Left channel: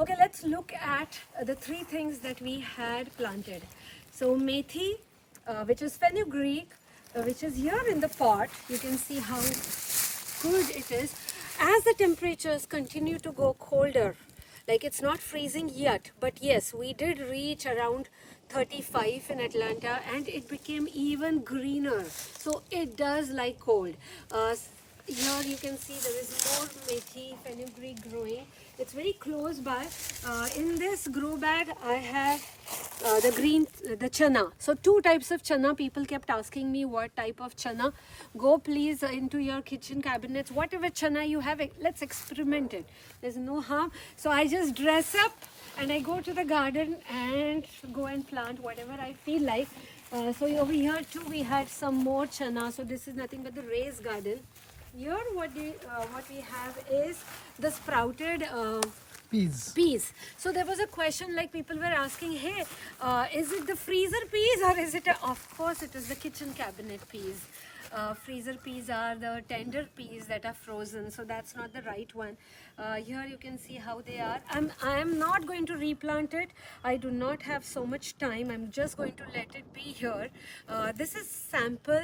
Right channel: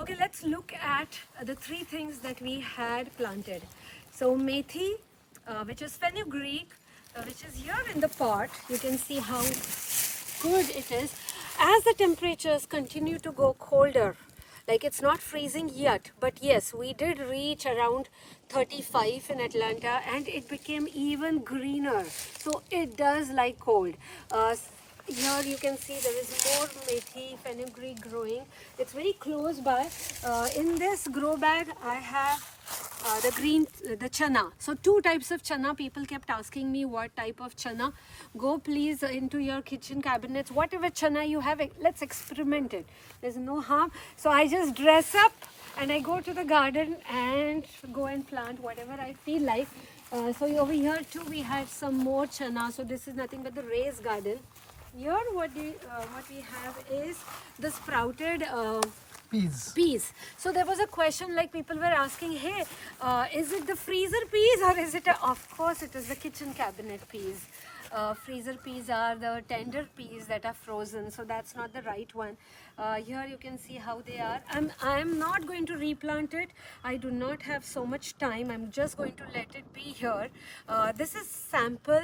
Okay, let's look at the three things that we had planted. So methi, which is fenugreek, which is here in the pot. You can see how good it is. As the temperatures continue to go colder, like it's not freezing yet, but yes, we did reach around 35 in Atlanta and it became even greener. So it does like cold. Here you can see there is more methi, fenugreek growing. It's very close by. In this grow bag, I have the chana. So two types of chana. People kept asking me what type of chana. Go please into your kitchen cabinets. Whatever chana you have, let's experiment it. There's no harm. So I just dress up and I go to the garden and go and plant whatever I feel like. So over here too we had some more chana. So this is nothing but the raised garden. Here what we have is the sprouted peas. So there was a question like people were asking, hey, is it the freezer peas or is it of course it is the kitchen cabinet peas. Freezer peas are the tender peas that are frozen, so that's not the right one. Here you can see how they are. I'm not going to replant it. I do not have so much time. I'm just going to let it be here. This is sample.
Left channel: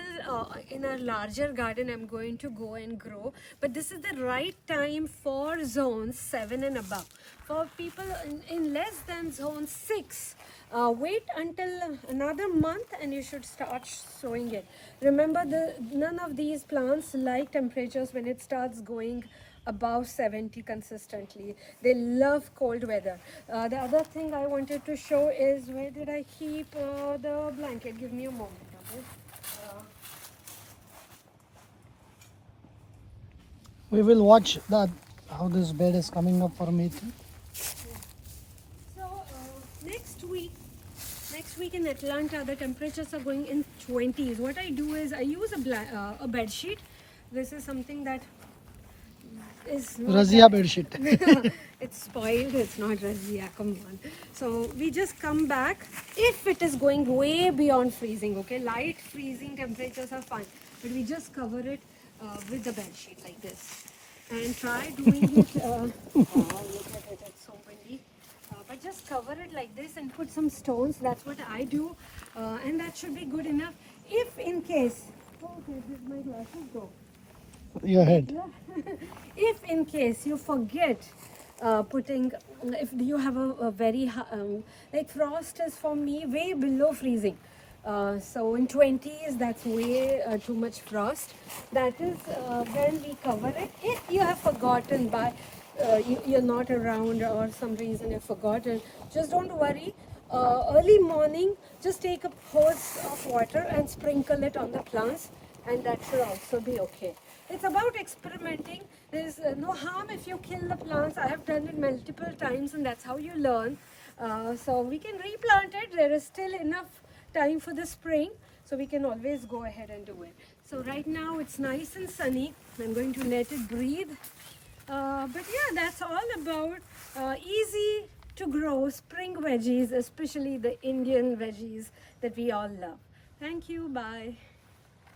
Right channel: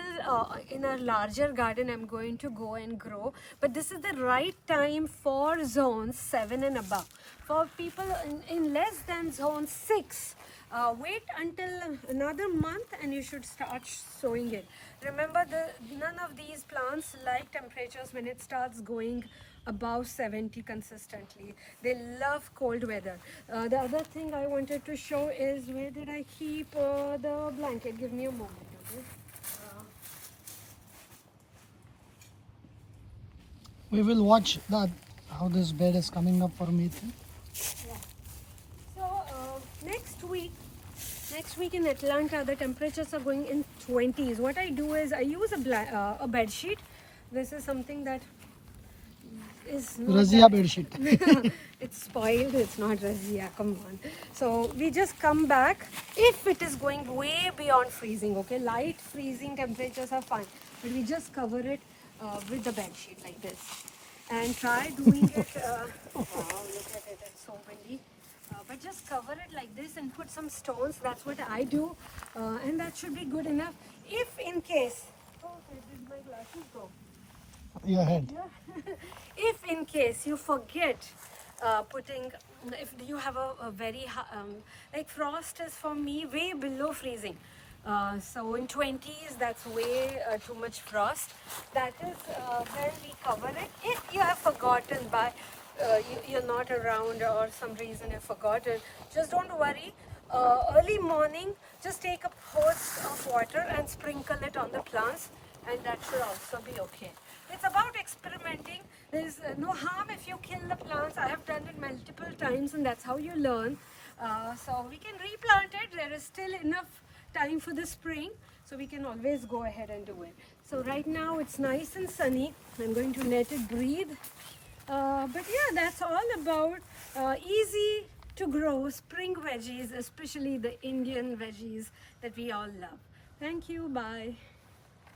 In a larger garden I'm going to go and grow, but this is the right time for zones 7 and above. For people in less than zone 6, wait until another month and you should start sowing it. Remember, none of these plants like temperatures when it starts going above 70 consistently. They love cold weather. The other thing I wanted to show is, where did I keep the blanket? Give me a moment, okay? We will watch that how this bed is coming up for me. Yeah. So next week in Atlanta, the temperatures are going in 20s. What I do is I use a bed sheet. This is something that is not Razia bed sheet. it's spoiled. It's not Razia. Come on. So we just come back if it is going way beyond freezing. Okay, light freezing temperatures are fine, but we just cover it with the bed sheet like this and try doing it. Wow, look at it. It's so windy. But just cover it like this and put some stones. That's what I do, and that should be good enough. If in case, okay, did my glasses go? Your head. Yeah. If in case you forget putting, if you have a very like frost is for me way below freezing. So in 20s, that's way too much frost. That is when we cover it. If you have forgotten by you're not around or some reason you've forgotten, just don't worry. Early morning, just take a hose of water and sprinkle it on the plants, and that should also be okay. It's about experimenting. There's no harm if you kill the plants. I have done it multiple times and that's how you learn. So we can replant it. There is still enough time for the spring, so we can always go ahead and do it. So right now it's nice and sunny. I'm going to let it breathe. But yeah, that's all about easy to grow spring veggies, especially the Indian veggies that we all love. Thank you. Bye.